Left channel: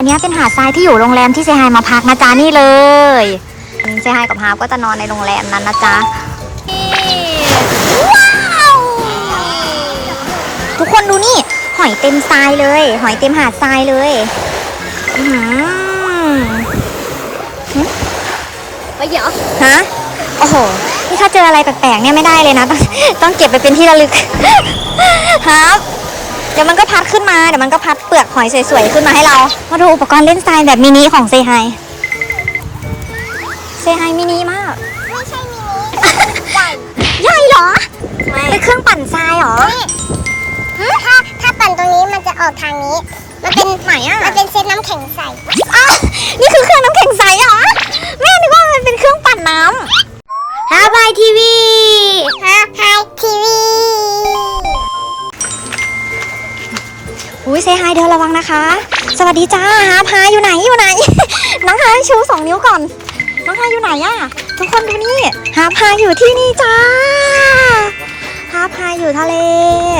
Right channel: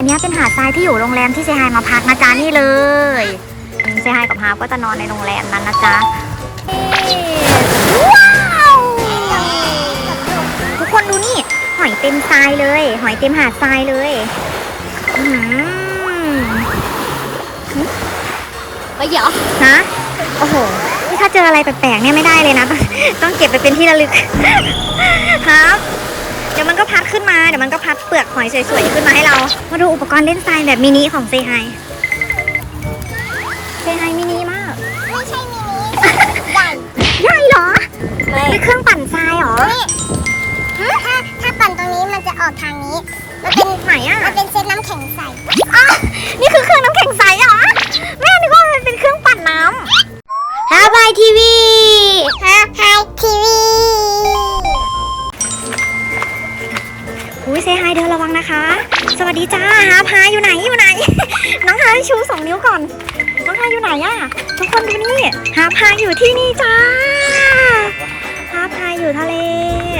อันเนี้ยเป็นหาดทรายที่อยู่โรงแรมที่เซฮายมาพักนะจ๊ะนี่เลยเซฮายกับฮาร์ปก็จะนอนในโรงแรมนั้นนะจ๊ะนี่ว้าวทุกคนดูนี่ หอยเต็มทรายเลย หอยเต็มหาดทรายเลยอื้อหือไปเดี๋ยวฮะโอ้โหนี่ถ้าเจออะไรแปลกๆเนี่ยไม่ได้เลยนะ ต้องต้องเก็บไปเป็นที่ระลึกครับเดี๋ยวมันก็พัดขึ้นมา เดี๋ยวมันก็พัดเปลือกหอยสวยๆขึ้นมาให้เรา มาดูอุปกรณ์เล่นทรายแบบมินิของเซไฮเซไฮมินิมาก ไม่ใช่มินิใหญ่ใหญ่เหรอ ไม่เป็นเครื่องปั่นทรายเหรอถ้าถ้าปั่นตรงนี้มันจะออกทางนี้ มันเป็นไหนอะ มันเป็นเซตน้ำแข็งใสอ้าวนี่คือเครื่องน้ำแข็งใสเหรอ แม่นึกว่ามันเป็นเครื่องปั่นน้ำฮาบายทีวีฮะไฮทีวี อุ้ยเซฮายเดินระวังนะคะ สวัสดีจ้าฮาพาอยู่ไหนอยู่ไหน น้องฮาชูสองนิ้วก่อน น้องฮาอยู่ไหนอะทุกคนดูนี่ฮาพาอยู่ที่นี่จ้าฮาพาอยู่ทะเล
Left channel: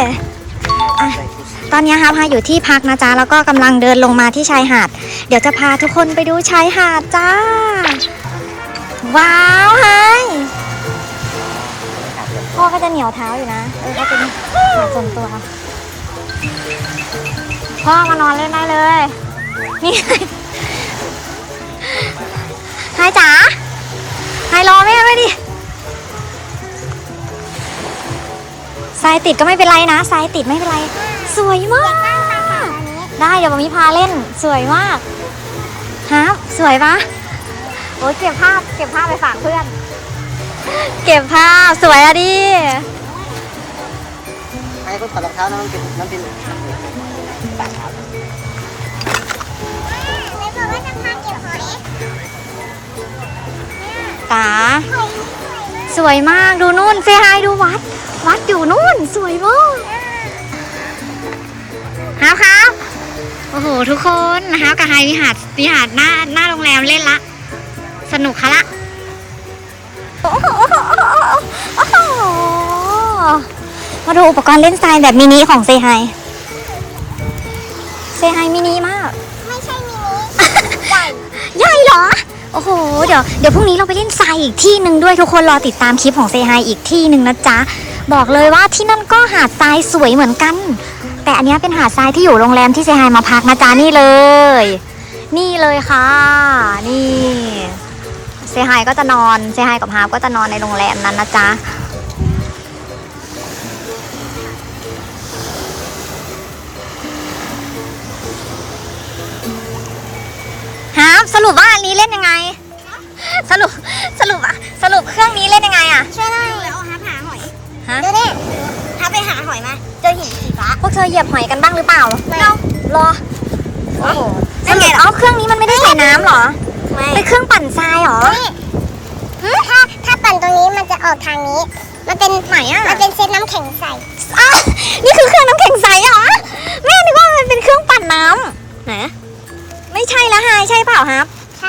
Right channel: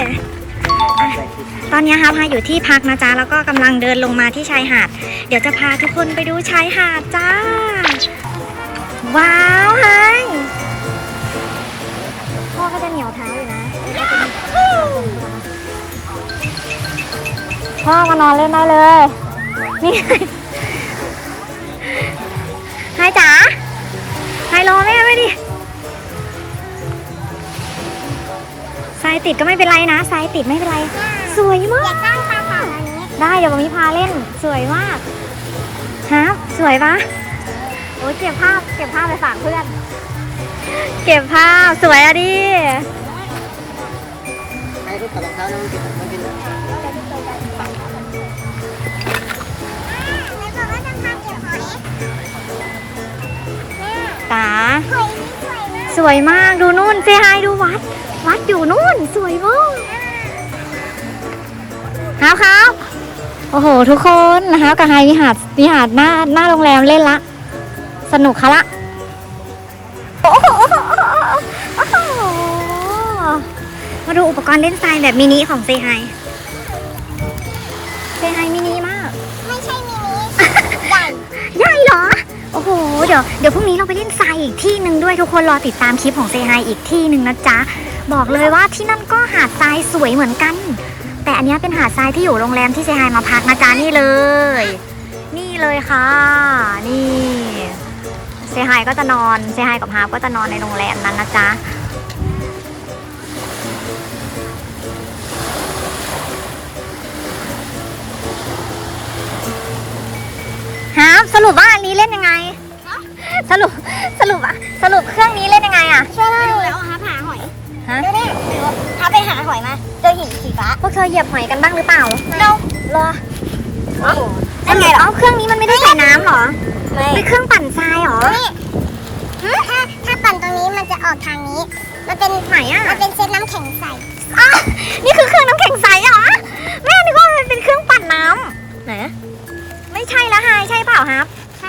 อะตอนนี้ฮาพาอยู่ที่พักนะจ๊ะแล้วก็กำลังเดินลงมาที่ชายหาด เดี๋ยวจะพาทุกคนไปดูชายหาดจ้า ว้าวไฮพ่อก็จะเหนียวเท้าอยู่นะเออก็จะมีส่วนตัว พ่อมานอนเล่นได้เลย นี่ไฮจ๋าไฮรอแม่ไว้ดิทรายติดก็ไม่เป็นไรนะทรายติดไม่เป็นไร สวยมาก ได้เดี๋ยวมามีพาเล่น สวยมากฮะสวยปะโอ้ยเก็บภาพเก็บภาพไปฝากเพื่อน เก็บภาพสวยอะดิอันนี้ก็ถอดรองเท้านะมันเป็น ตาหอยนี่สวยมากสวยมากดูนู่นเซฮายดูวัด วัดอยู่นู่น สวยมากครับครับโอ้โห ทุกคนนะครับกับไฮวิหารวิหารหน้าหน้าโรงแรมเล่นละ สนุกคะละโอ้โหมาดูอุปกรณ์เล่นทรายแบบมินิของเซฮายเซฮายมินิมา โอ้โห เดี๋ยวเดี๋ยวพรุ่งนี้เราไปเล่นทรายอีกที่หนึ่งด้วยทุกคนรอติดตามคลิปของเซฮายอีกที่หนึ่งนะจ๊ะ บอกเลยว่าที่นั่นก็หาดทรายสวยเหมือนกัน แต่อันนี้เป็นหาดทรายที่อยู่โรงแรมที่เซฮายมาพักนะจ๊ะนี่เลย นี่เลยค่ะ นี่เซฮายก็จะนอนเซฮายกับฮาร์ปก็จะนอนในโรงแรมนั้นนะจ๊ะ ร์ปสรุปว่าอันนี้เล่นยังไง สรุปสรุปอะสรุปเครื่องนี้เล่นยังไงอะช่วยหน่อยเอาหาหาหอยฮะดูดิถ้าไปหาหอยมาเจอหินสีฟ้าพวกเธอเหยียบหอยกันบ้างหรือเปล่า No รอโอ้โหนั่นไงอ๋อเครื่องนี้มันไม่ได้ใส่น้ำเหรอไม่เป็นเครื่องปั่นทรายเหรอนี่ถ้าถ้าปั่นตรงนี้มันจะออกทางนี้มันเป็นไหนอะมันเป็นเซตน้ำแข็งใสอ้าวนี่คือเครื่องน้ำแข็งใสเหรอแม่นึกว่ามันเป็นเครื่องปั่นน้ำไหนไม่ใช่ละฮายใช่เปล่าครับ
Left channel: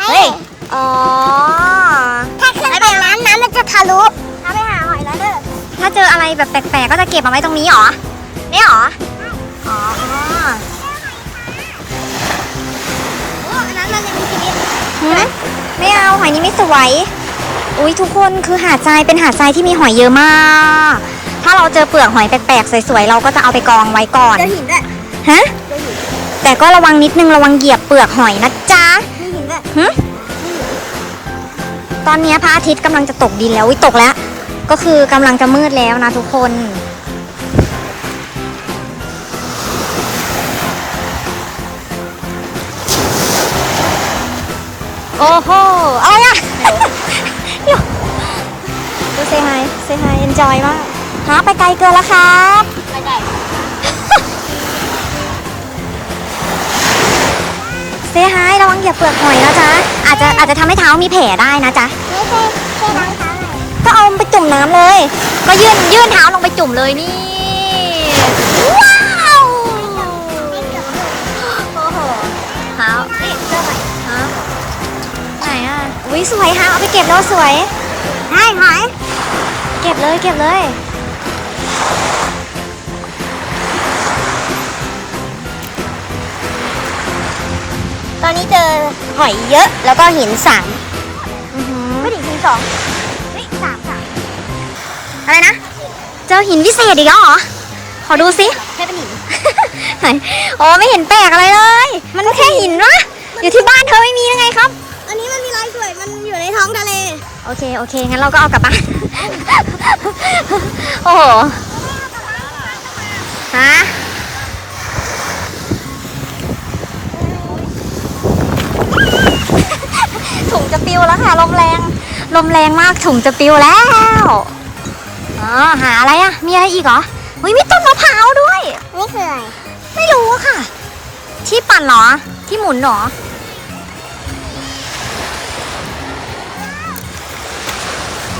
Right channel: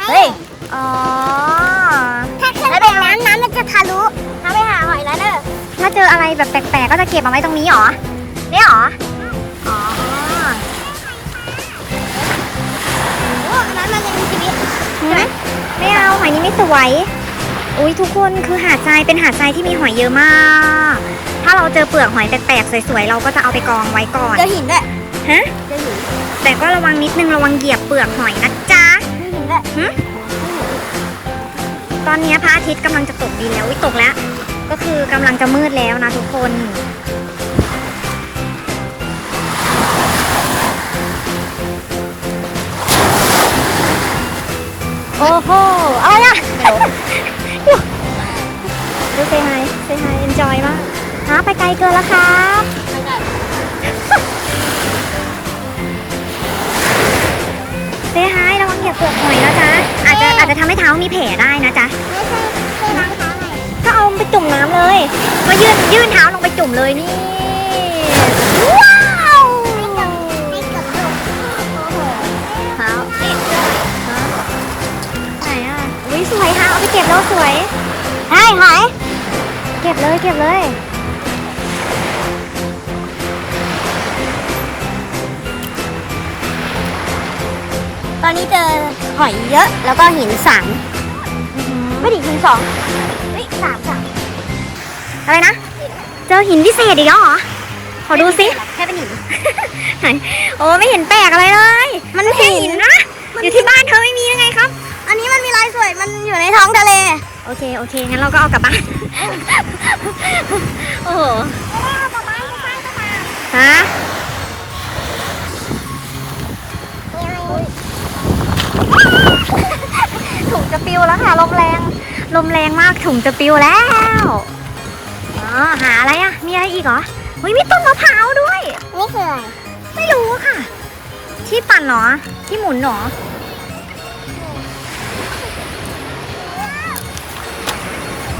เฮ้ย อ๋อ ถ้าเครื่องปั่นน้ำน้ำมันจะทะลุถ้าไปหาหอยนะเด้อถ้าเจออะไรแบบแปลกๆ ก็จะเก็บมาไว้ตรงนี้เหรอเนี่ยเหรอ อ๋อโอ้อันนั้นมันยังมีชีวิตหืมไม่เอาหอยนี้ไม่สวย อุ้ยทุกคนคือหาดทรายเป็นหาดทรายที่มีหอยเยอะมาก ถ้าเราเจอเปลือกหอยแปลกๆ สวยๆ เราก็จะเอาไปกองไว้ก่อน เจอหินด้วย ฮะ เจอหิน แต่ก็ระวังนิดนึงระวังเหยียบเปลือกหอยนะจ๊ะมีหิน ด้วยตอนนี้พระอาทิตย์กำลังจะตกดินแล้ววิตกแล้ว ก็คือกำลังจะมืดแล้วนะทุกคน โอ้โหอะไรอะดูเซฮายเซฮายเอนจอยมากหาไปไกลเกินแล้วครับ ซฮายระวังเหยียบเปลือกหอยนะจ๊ะอาจจะอาจจะทำให้เท้ามีแผลได้นะจ๊ะไม่ใช่ใช่รองเท้าอะไรก็เอาไปจุ่มน้ำเลย ก็ยื่นยื่นเท้าลงไปจุ่มเลยนี่ว้าวไม่เกือบโดนโอ้โหเท้าฮะไหนอะอุ้ยสวยฮะเอาไปเก็บแล้วสวยใช่หอยเก็บเลยเก็บเลย อนนี้เจอหอยเยอะแล้วก็หินสามอื้อหือไม่ถึงหินสองเฮ้ยสามสามอะไรนะ เจอหินวิเศษอีกแล้วเหรอ ขอดูสิแค่เป็นหินไหนโอ้ไม่เห็นแปลกอะไรเลย มันแค่หินนะอยู่ที่บ้านเธอไม่มียังไงครับ อันนี้มันมีรอยสวยมันอยู่ในท้องทะเล โอเคโอเคงั้นเราก็เอากลับบ้าน โอ้โหฮะ ปิวแล้วค่ะลมแรง ลมแรงมากถุงจะปิวแล้วอ๋อหาอะไรอะ มีอะไรอีกเหรอเฮ้ยมีต้นมะพร้าวด้วยนี่คืออะไรไม่รู้อะค่ะ ที่ปั่นเหรอ ที่หมุนเหรอ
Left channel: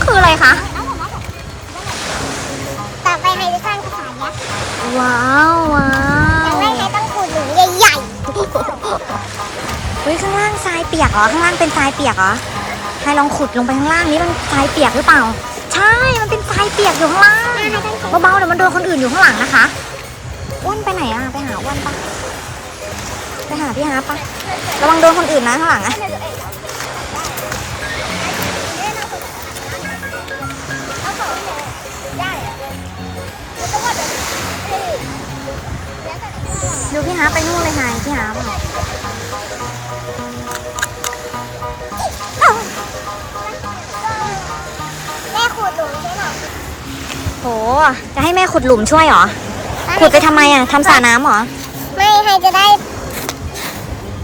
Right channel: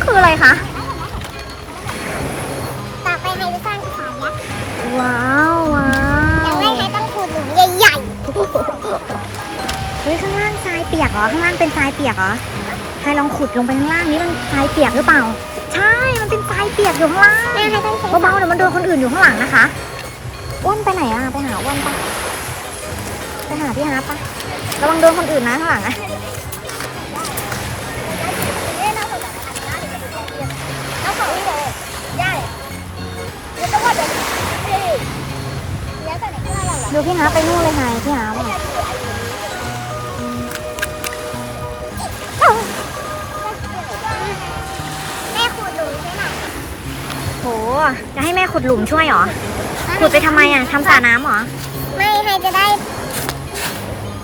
คืออะไรคะต่อไปใครจะสร้างกระถางยักษ์ว้าวว้าอย่างวแรกใครต้องขุดหลุมใหญ่ เฮ้ยข้างล่างทรายเปียกเหรอข้างล่างเป็นทรายเปียกเหรอใครลองขุดลงไปข้างล่างนี้มันทรายเปียกหรือเปล่า ใช่ มันเป็นทรายเปียกอยู่ข้างล่างๆแม่ใครต้องใช้เบาๆเดี๋ยวมันโดนคนอื่นอยู่ข้างหลังนะคะอ้วนไปไหนอะไปหาอ้วนปะไปหาพี่ฮาร์ปปะระวังโดนคนอื่นนะข้างหลังอะดูพี่ฮาร์ปไปนู่นเลยไฮพี่ฮาร์ปอะ จะให้แม่ขุดหลุมช่วยเหรอ ขุดไปทำไมอะทำสระน้ำเหรอ ไม่ใครจะได้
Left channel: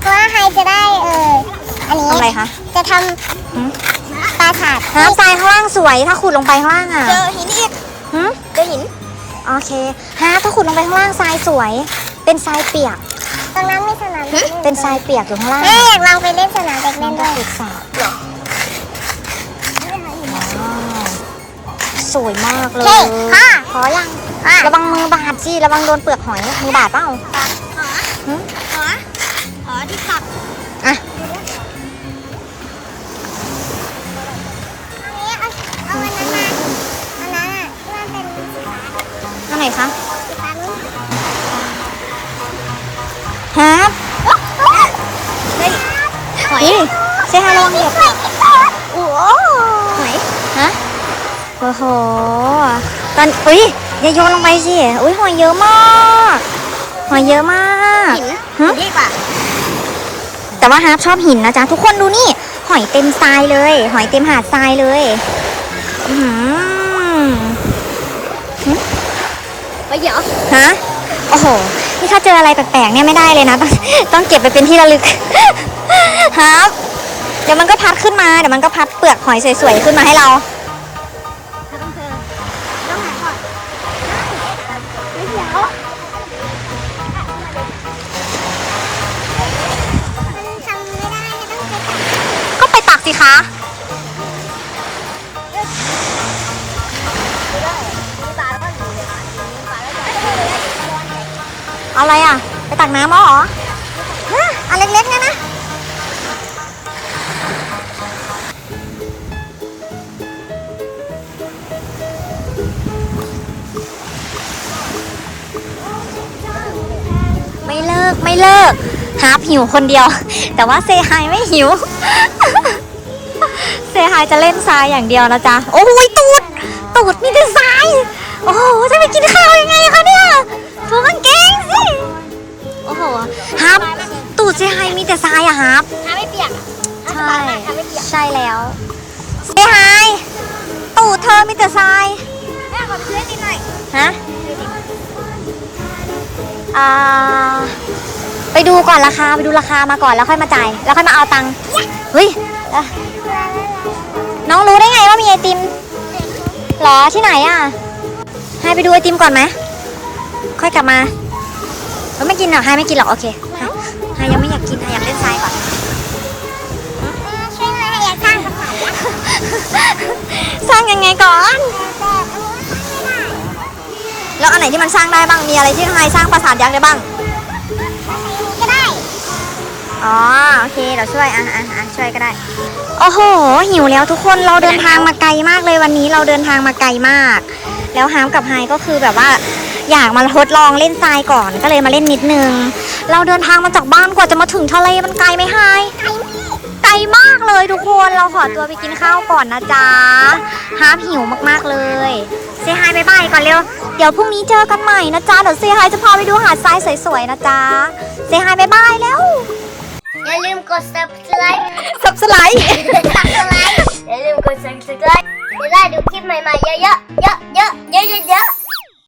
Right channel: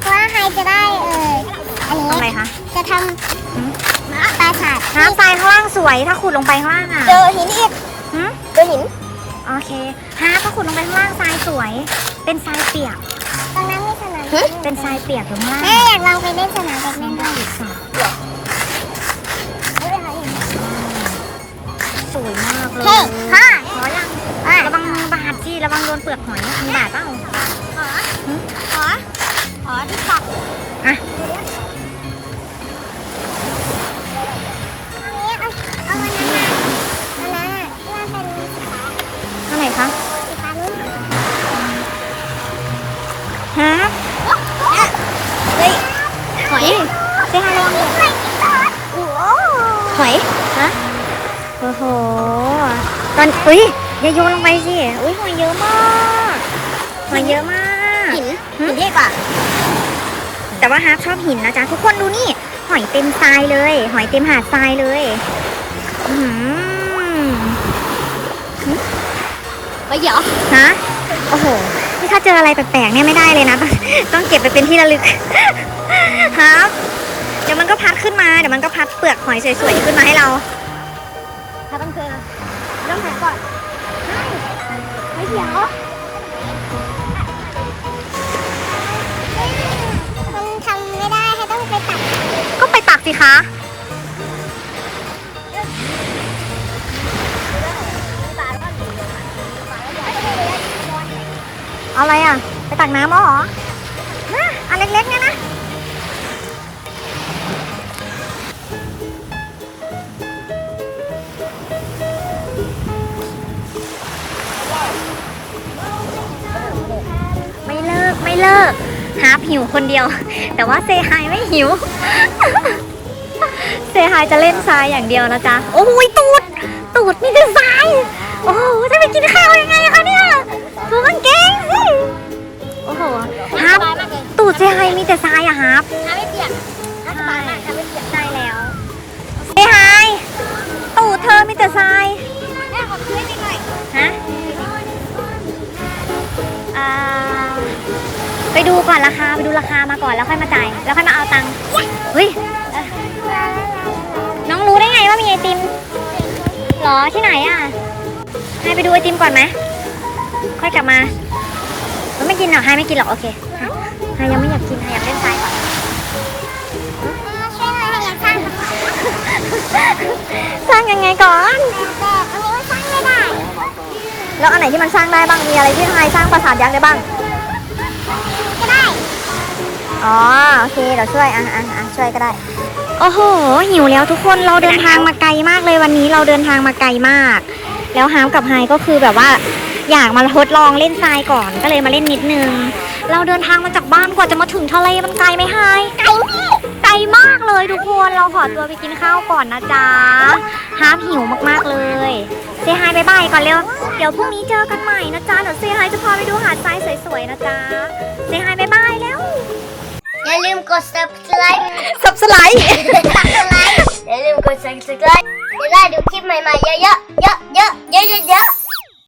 เพราะว่าใครจะได้เอออันนี้ทำอะไรคะ จะทหืมำปราสาทน้ำทรายข้างล่างสวยถ้าขุดลงไปข้างล่างอะเจอหินอีกหืมเจอหินโอเคฮะถ้าขุดลงไปข้างล่างทรายสวย เป็นทรายเปียก ตรงนั้นมีสนามเป็นทรายเปียกอยู่ข้างล่างแม่อยากลองไปเล่นสนามเด็กเล่นด้วยศึกษาเหรอ สวยมากเลเฮ้ยยพ่อขอยังอะระวังมือบาดสิระวังโดนเปลือกหอยมือบาดเปล่าขอหึขอขอที่ปักอะเอาอันนี้เอาเอาอันนั้นน่ะอันนั้นอะที่มันเป็นสีฟ้าอันไหนคะสีฟ้านู้นฮะเฮ้ยหอยเซฮาระวังเหยียบโอ้โหหอยฮะ โอ้โห ตอนอุ้ยอย่าโยนลงไปสิอุ้ยหอยเยอะมากหอยเยอะมากหินฮะหินเล็กกว่าแต่ว่าฮาร์ปชอบหินนะจ๊ะทุกคนดูนี่ หอยเต็มทรายเลย หอยเต็มหาดทรายเลยอื้อหือไปเดี๋ยวฮะโอ้โหนี่ถ้าเจออะไรแปลกๆเนี่ยไม่ได้เลยนะต้องต้องเก็บไปเป็นที่ระลึกฮาร์ปเดี๋ยวมันก็พัดขึ้นมาเดี๋ยวมันก็พัดเปลือกหอยสวยๆขึ้นมาให้เราถ้าต้องเจอ ต้องหาก่อนใช่ไปเดี๋ยวมันทำไม่ได้ให้ต้องไปตัดก็ไปตักสิคะเอาอะไรอะ ไปตักน้ำเอเหรอฮะอันเล็กๆเนี่ยนะ ไม่เลิกไม่เลิกฮาร์ปหิวคนเดียว แต่ว่าเซฮายไม่หิว เซฮายจะเล่นทรายอย่างเดียวนะจ๊ะ โอ้ยตูด ตูดมีแต่ทราย โอ้โห จะไปกินข้าวยังไงคะเนี่ยถูกางเกงสิ โอ้โหฮาร์ปตูดเซฮายมีแต่ทรายอะฮาร์ปทำไม่เปียกใช่ใช่แล้วเซฮายตูดเธอมีแต่ทรายฮะอ่าไป ดูก่อนราคาไปดูราคามาก่อนแล้วค่อยมาจ่ายแล้วค่อยมาเอาตังค์เฮ้ยอะน้องรู้ได้ไงว่ามีไอติมเหรอที่ไหนอะ ให้ไปดูไอติมก่อนไหมค่อยกลับมาแล้วไม่กินเหรอให้ไม่กินหรอกโอเคให้ให้ยังไม่อยากกินให้อยากเล่นทรายก่อนช่วยเลยอยากสร้างแต่สร้างยังไงก่อนแต่อันนี้สร้างไม่ได้แล้วอันไหนที่มันสร้างได้บ้างมีอะไรที่ไฮสร้างปราสาทยักษ์ได้บ้างก็ได้ อ๋อโอเคเดี๋ยวช่วยอะอะอะช่วยก็ได้ โอ้โห หิวแล้วทุกคนเราเดินทางมาไกลมากเลยวันนี้เราเดินทางมาไกลมาก แล้วฮามกับไฮก็คือแบบว่า อยากมาทดลองเล่นทรายก่อนก็เลยมาเล่นนิดนึง เราเดินทางมาจากบ้านกว่าจะมาถึงทะเลมันไกลไหมไฮไกลไกลมากเลยทุกคนเราขอตัวไปกินข้าวก่อนนะจ๊ะฮาร์ปหิวมากๆเลยเซฮายบายบายก่อนเร็วเดี๋ยวพรุ่งนี้เจอกันใหม่นะจ๊ะเดี๋ยวเซฮายจะพาไปดูหาดทรายสวยๆนะจ๊ะเซฮายบายบายแล้ว อย่าลืมกด subscribe สับสไลด์ subscribe อย่าลืมกด subscribe จะได้ดูคลิปใหม่ๆเยอะๆเยอะๆเยอะๆเยอะๆ